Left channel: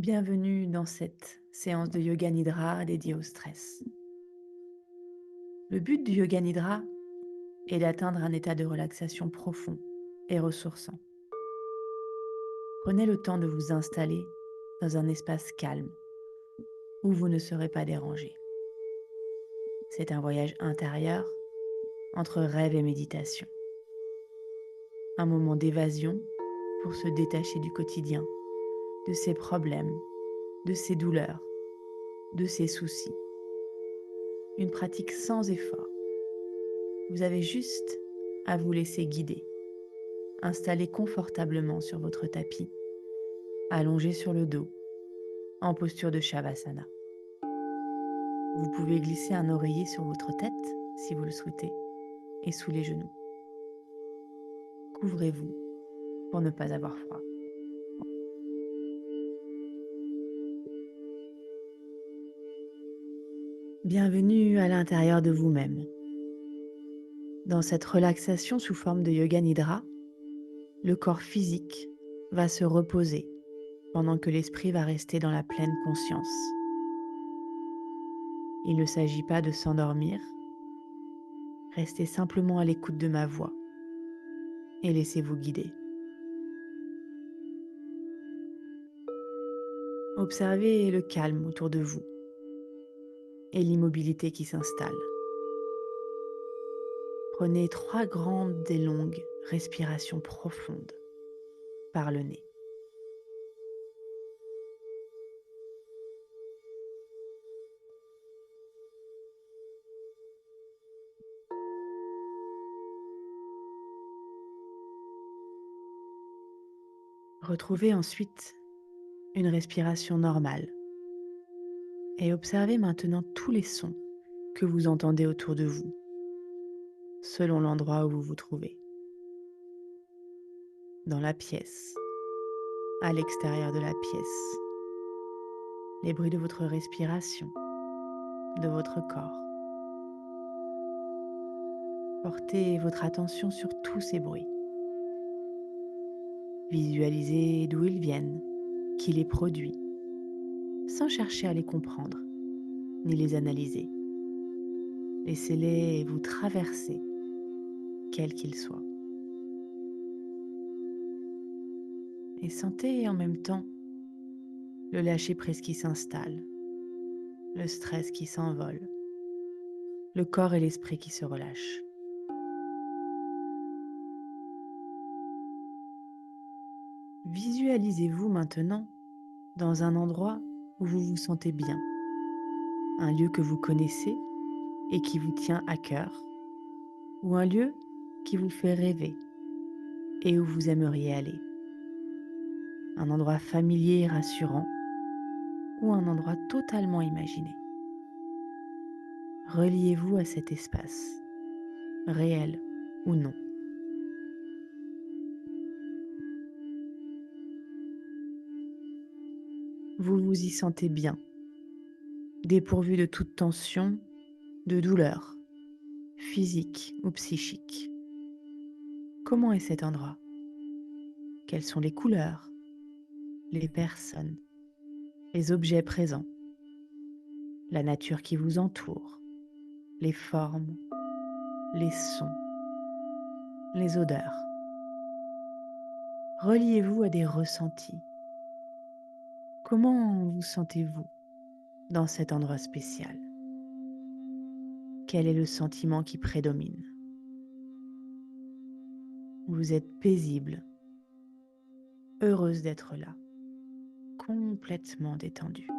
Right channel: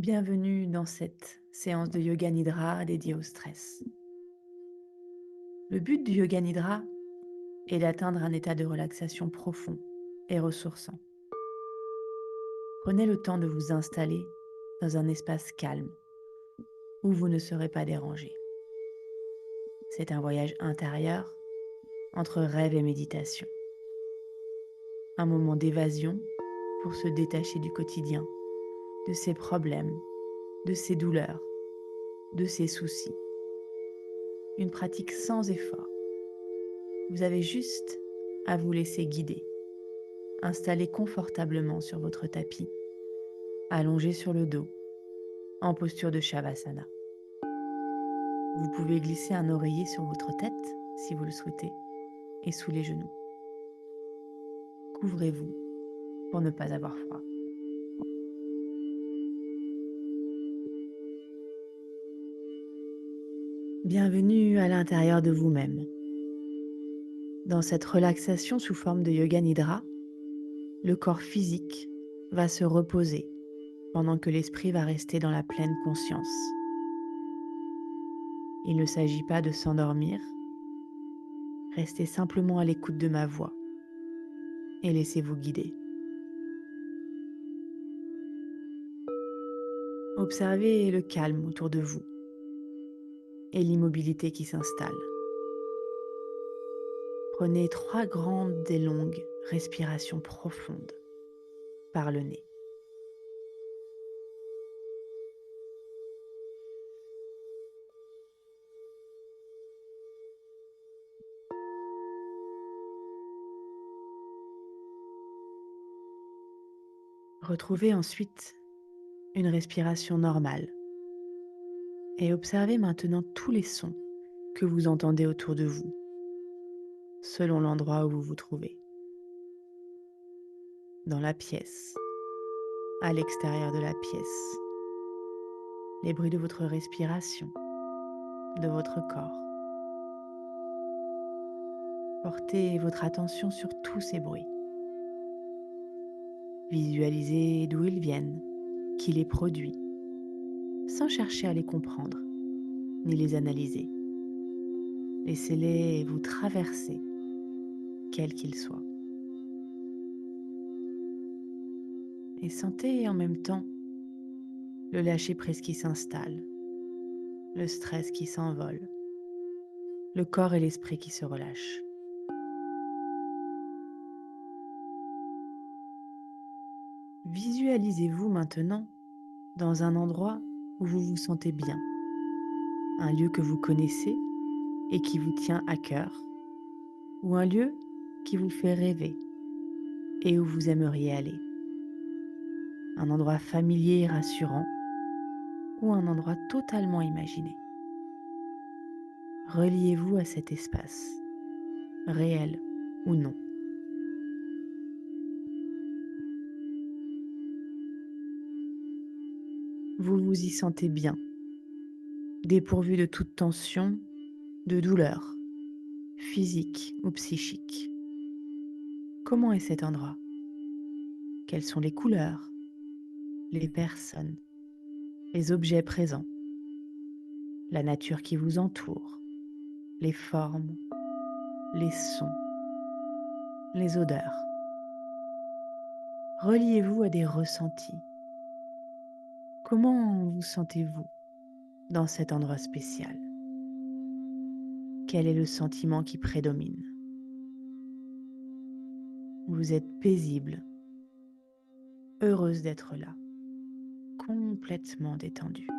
Bienvenue dans cette séance de Yoga Nidra dédiée au stress. Le but du Yoga Nidra est d'atteindre un état de relaxation profond et ressourçant. Prenez le temps de vous installer dans un espace calme où vous ne serez pas dérangé. C'est un voyage intérieur entre rêve et méditation. Un moment d'évasion pour se détacher du quotidien, de ses problèmes, de ses douleurs, de ses soucis. Une pratique sans effort. Vous avez juste à vous laisser guider, installé confortablement sur votre tapis, allongé sur le dos, en posture de Shavasana. Vous pouvez glisser un oreiller sur votre tête, si vous le souhaitez, et sous les genoux. Couvrez-vous pour ne pas avoir froid. Bienvenue à l'intérieur de vous-même. Dans cette relaxation sous forme de Yoga Nidra, le corps physique va se reposer pendant que l'esprit va rester dans la pleine conscience. Il ne s'agit pas de s'endormir, restez simplement à l'écoute de ma voix et laissez-vous guider. Observez le calme autour de vous et l'immobilité qui s'installe. Prenez 3 grandes et longues respirations profondes par le nez. Retrouvez ensuite une respiration normale et observez maintenant tous les sons que vous entendez autour de vous, selon l'endroit où vous vous trouvez. Dans la pièce, à l'extérieur de la pièce, les bruits de votre respiration, de votre corps. Portez votre attention sur tous ces bruits. Visualisez d'où ils viennent, qui les produit, sans chercher à les comprendre ni les analyser. Laissez-les vous traverser, quels qu'ils soient. Et sentez en même temps le lâcher-prise qui s'installe, le stress qui s'envole, le corps et l'esprit qui se relâchent. Visualisez-vous maintenant dans un endroit où vous vous sentez bien, un lieu que vous connaissez et qui vous tient à cœur, ou un lieu qui vous fait rêver et où vous aimeriez aller. Un endroit familier et rassurant, ou un endroit totalement imaginé. Reliez-vous à cet espace, réel ou non. Vous vous y sentez bien, dépourvu de toute tension, de douleur, physique ou psychique. Comment est cet endroit? Quelles sont les couleurs, les personnes, les objets présents, la nature qui vous entoure, les formes, les sons, les odeurs? Reliez-vous à des ressentis. Comment vous sentez-vous dans cet endroit spécial? Quel est le sentiment qui prédomine? Vous êtes paisible, heureuse d'être là, complètement détendue.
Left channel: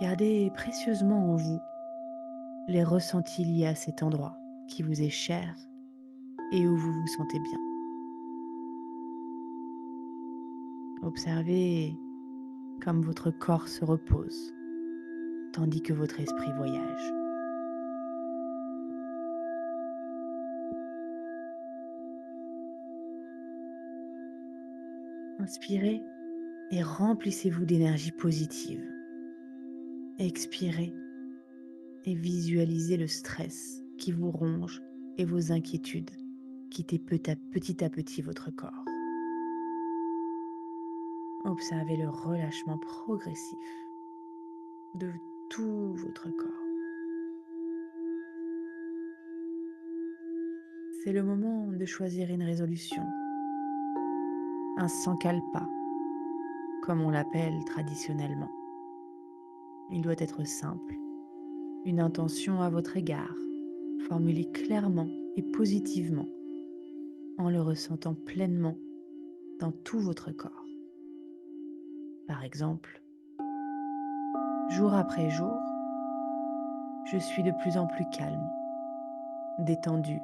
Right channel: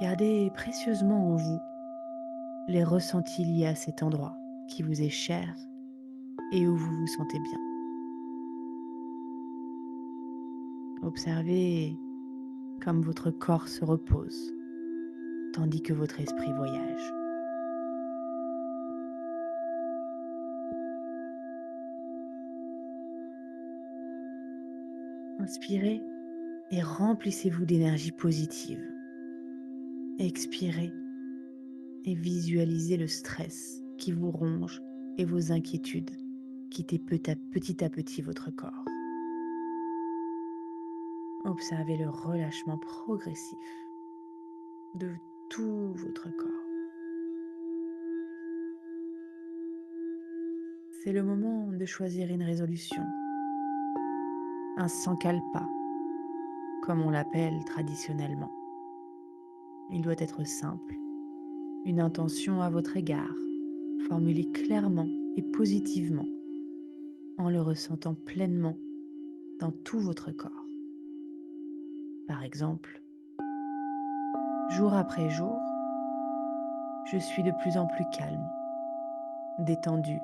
Gardez précieusement en vous les ressentis liés à cet endroit qui vous est cher et où vous vous sentez bien. Observez comme votre corps se repose tandis que votre esprit voyage. Inspirez et remplissez-vous d'énergie positive. Expirez et visualisez le stress qui vous ronge et vos inquiétudes quitter petit à petit votre corps. Observez le relâchement progressif de tout votre corps. C'est le moment de choisir une résolution, un sankalpa, comme on l'appelle traditionnellement. Il doit être simple, une intention à votre égard, formulée clairement et positivement, en le ressentant pleinement dans tout votre corps. Par exemple, jour après jour, je suis de plus en plus calme, détendu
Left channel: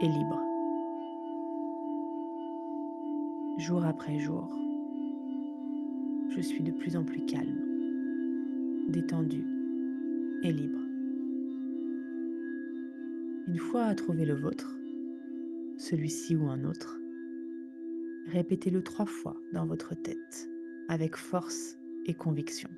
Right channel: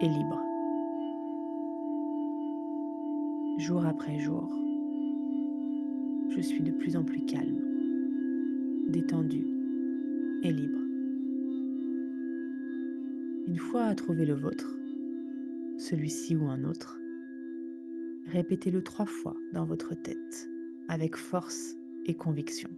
et libre. Jour après jour, je suis de plus en plus calme, détendu et libre. Une fois trouvé le vôtre, celui-ci ou un autre, répétez-le 3 fois dans votre tête, avec force et conviction.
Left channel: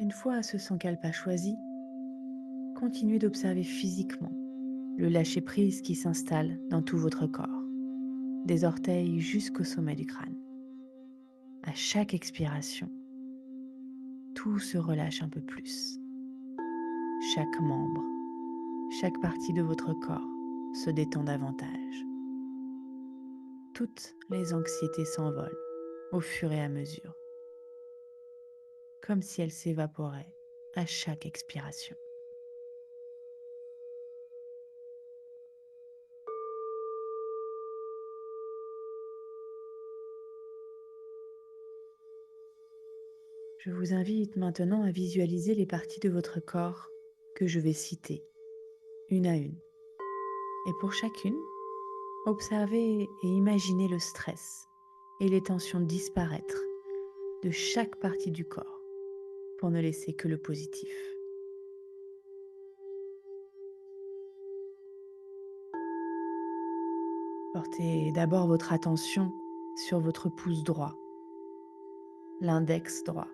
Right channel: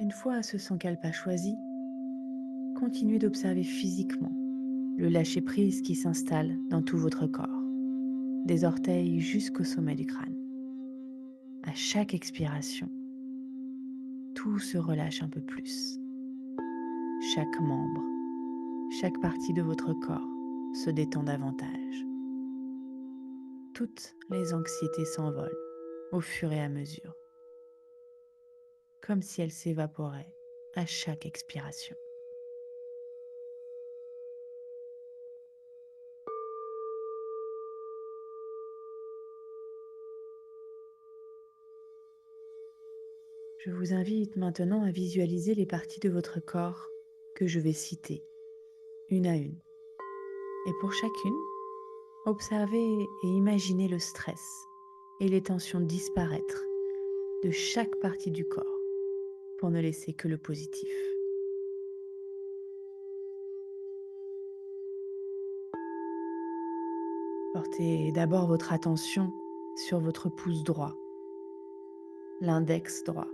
Une fois ce sankalpa choisi, continuez d'observer physiquement le lâcher-prise qui s'installe dans tout votre corps, des orteils jusqu'au sommet du crâne. À chaque expiration, tout se relâche un peu plus. Chaque membre, chaque partie de votre corps se détend davantage. Toutes les anxiétés s'envolent au fur et à mesure, comme si elles s'évaporaient à chaque expiration. Je vous invite maintenant à visualiser les parties de votre corps que je vais citer, une à une. Et pour chacune, observez et imaginez le stress et les tensions disparaître de chaque partie du corps pour ne laisser que le positif. Portez d'abord votre attention sur votre pouce droit, l'index droit,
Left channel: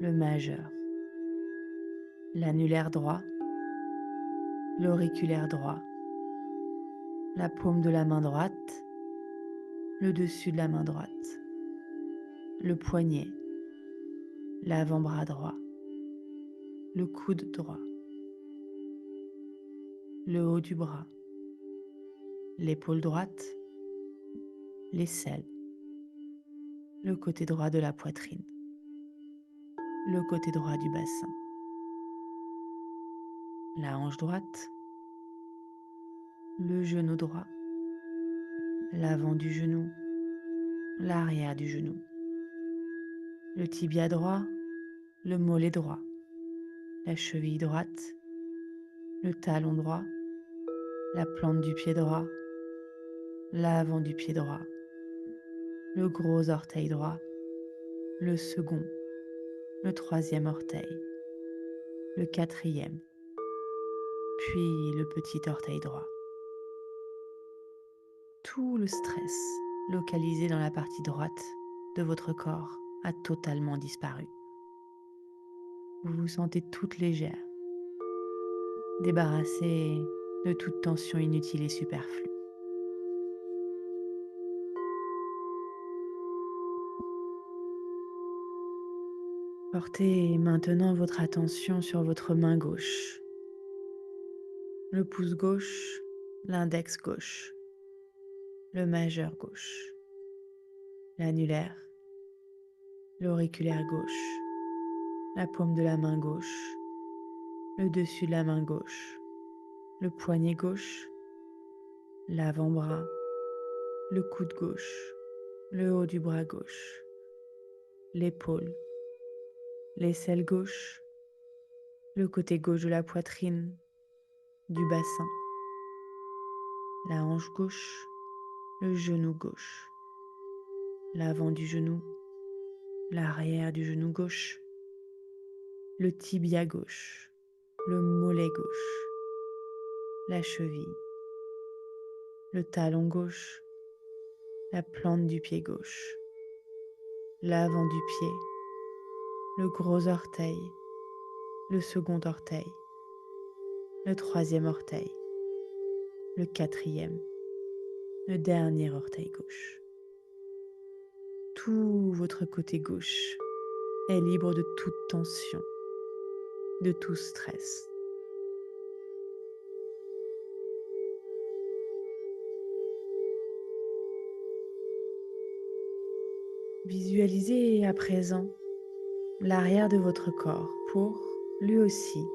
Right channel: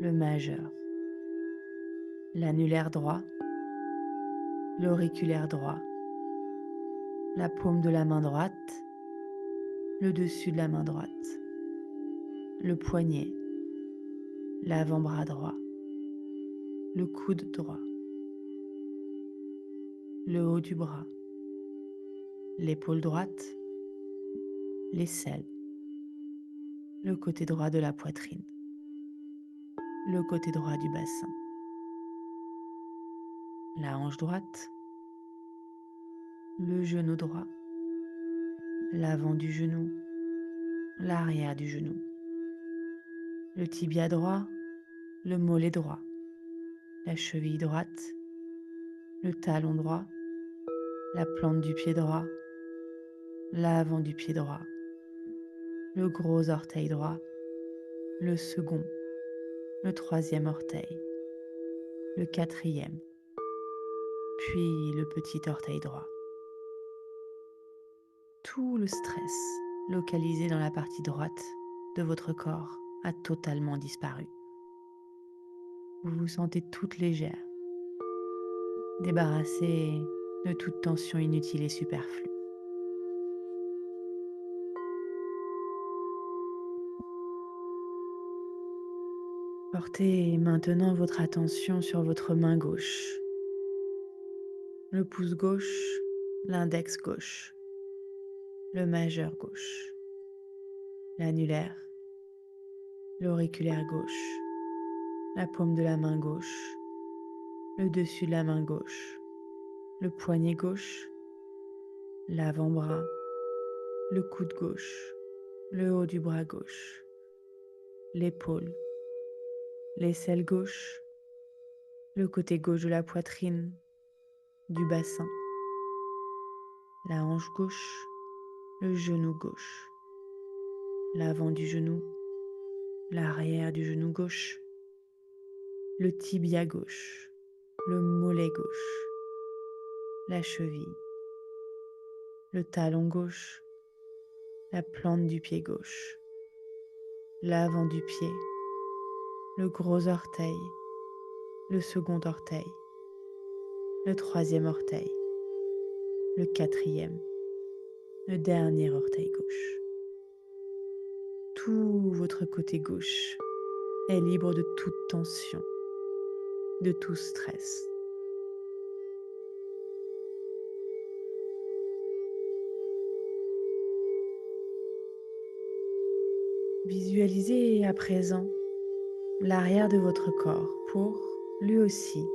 le majeur, l'annulaire droit, l'auriculaire droit, la paume de la main droite, le dessus de la main droite, le poignet, l'avant-bras droit, le coude droit, le haut du bras, l'épaule droite, l'aisselle, le côté droit de la poitrine, le côté droit du bassin, la hanche droite, le genou droit, l'avant du genou, l'arrière du genou, le tibia droit, le mollet droit, la cheville droite, le talon droit, la plante du pied droit, l'avant du pied droit, le gros orteil droit, le second, le troisième orteil, le quatrième, puis le petit orteil droit. Tout le stress localisé dans la partie droite de votre corps a totalement disparu. Vous vous sentez toute légère, débarrassée de toute tension inutile et superflue. Portez maintenant votre attention sur votre main gauche, le pouce gauche, l'index gauche, le majeur gauche, l'annulaire, l'auriculaire gauche, la paume de la main gauche, le dessus de la main gauche, le poignet gauche, l'avant-bras, le coude gauche, le haut du bras gauche, l'épaule, l'aisselle gauche, le côté gauche de la poitrine, du bassin, la hanche gauche, le genou gauche, l'avant du genou, l'arrière du genou gauche, le tibia gauche, le mollet gauche, la cheville, le talon gauche, la plante du pied gauche, l'avant du pied, le gros orteil, le second orteil, le troisième orteil, le quatrième, le dernier orteil gauche. Tout votre côté gauche est libre de toute tension, de tout stress. Visualisez à présent l'arrière de votre corps pour, lui aussi,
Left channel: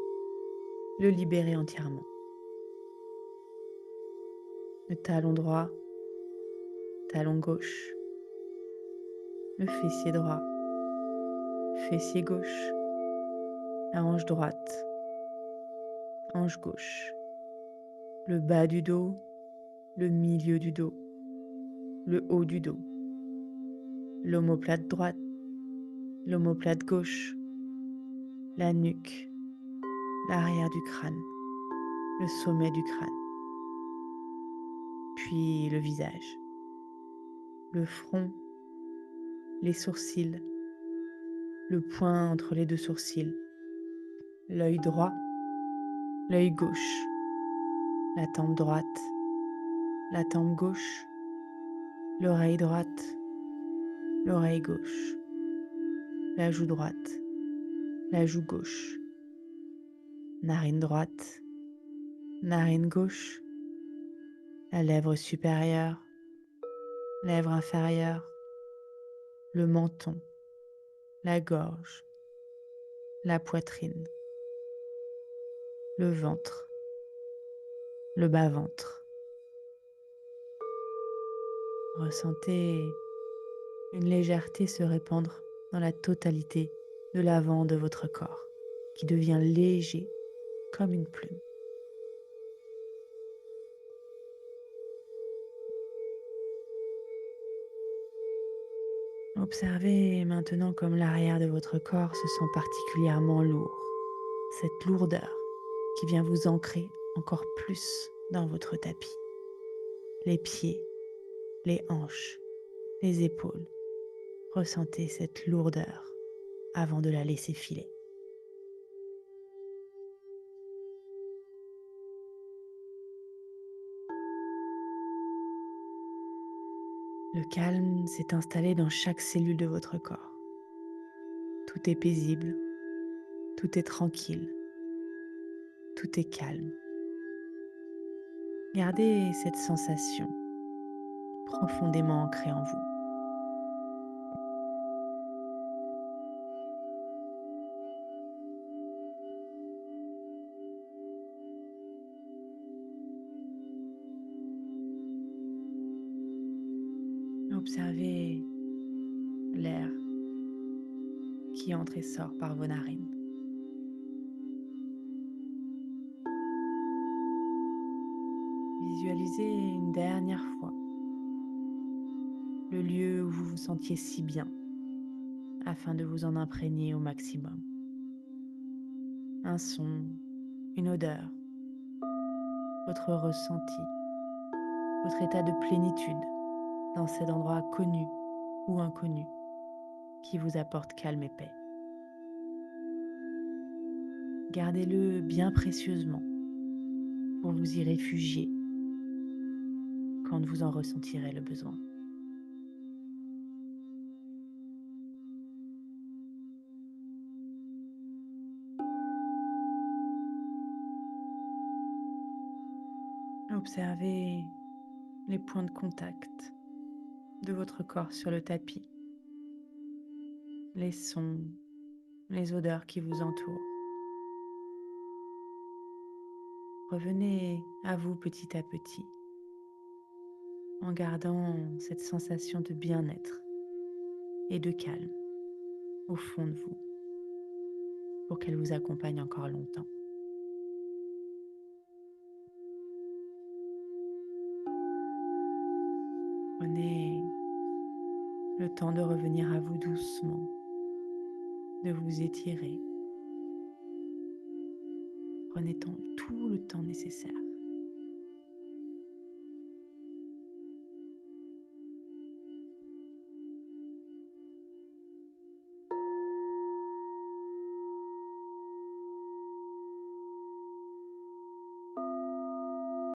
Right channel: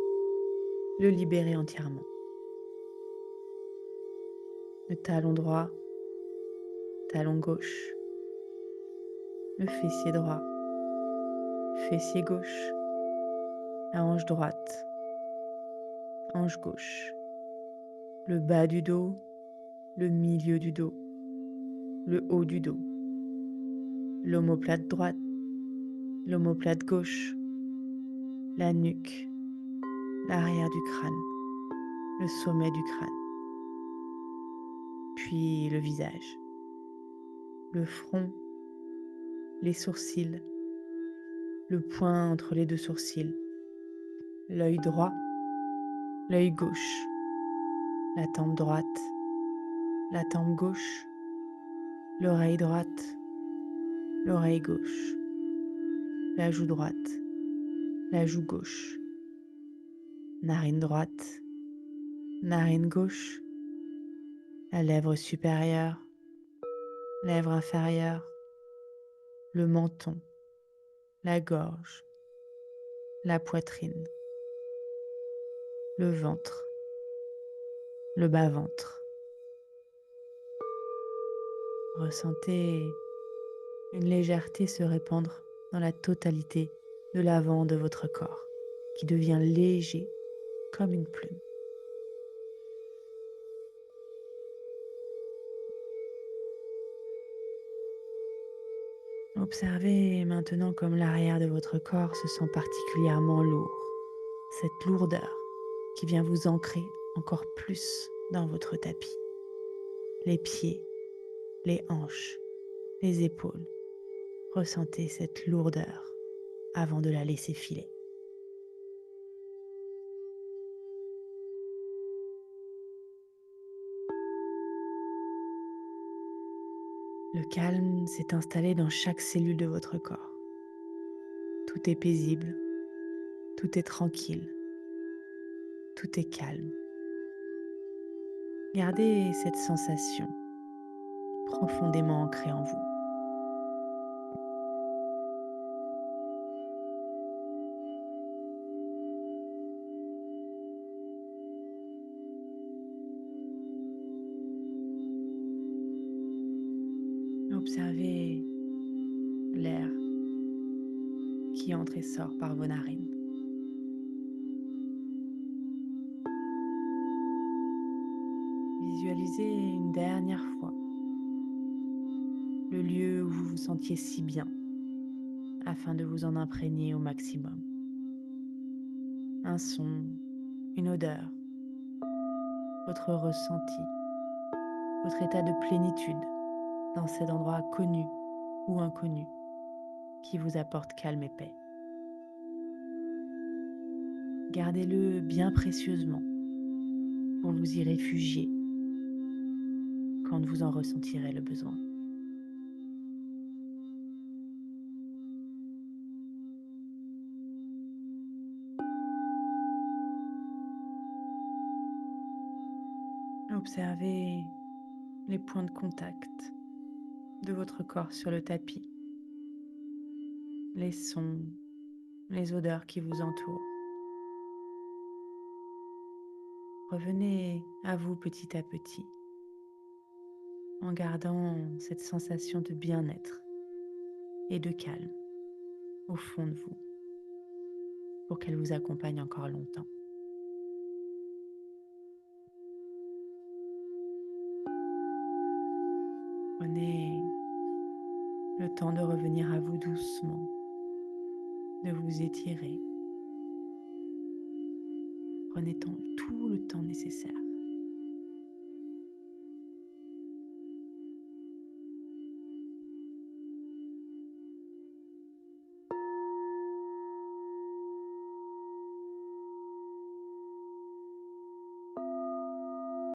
le libérer entièrement. Le talon droit, talon gauche, le fessier droit, fessier gauche, la hanche droite, hanche gauche, le bas du dos, le milieu du dos, le haut du dos, l'omoplate droite, l'omoplate gauche, la nuque, l'arrière du crâne, le sommet du crâne, puis le visage, le front, les sourcils, le point entre les deux sourcils, l'œil droit, l'œil gauche, la tempe droite, la tempe gauche, l'oreille droite, l'oreille gauche, la joue droite, la joue gauche, narine droite, narine gauche, la lèvre supérieure, lèvre inférieure, le menton, la gorge, la poitrine, le ventre, le bas-ventre. Ressentez une légèreté se répandre dans la totalité de l'avant de votre corps, qui devient léger comme une plume. Observez maintenant comme l'arrière de votre corps se sent particulièrement lourd. Cette lourdeur qui vient vous ancrer encore plus dans votre tapis. Les pieds, les hanches, les épaules. Ressentez cette lourdeur avant de la laisser filer. Le calme s'est installé dans chaque cellule de votre corps. Tout est paisible, tout est tranquille, tout est calme. Gardez cette sensation profondément ancrée en vous. Observez l'air qui entre et sort par vos narines. Visualisez une dernière fois le lieu où vous vous sentiez si bien afin de vous en imprégner au maximum. Un son, une odeur, votre ressenti, votre état de plénitude dans cet endroit connu ou inconnu qui vous apporte calme et paix. Gardez-le bien précieusement pour vous y réfugier quand vous en ressentirez le besoin. Observez les points de contact de votre corps sur le tapis, les sons, les odeurs qui vous entourent. Revenez à vous petit à petit, en gardant cette sensation de bien-être et de calme au fond de vous, pour qu'elle vous accompagne encore longtemps. Prenez le temps de revenir à vous doucement, de vous étirer. Prenez tout le temps nécessaire.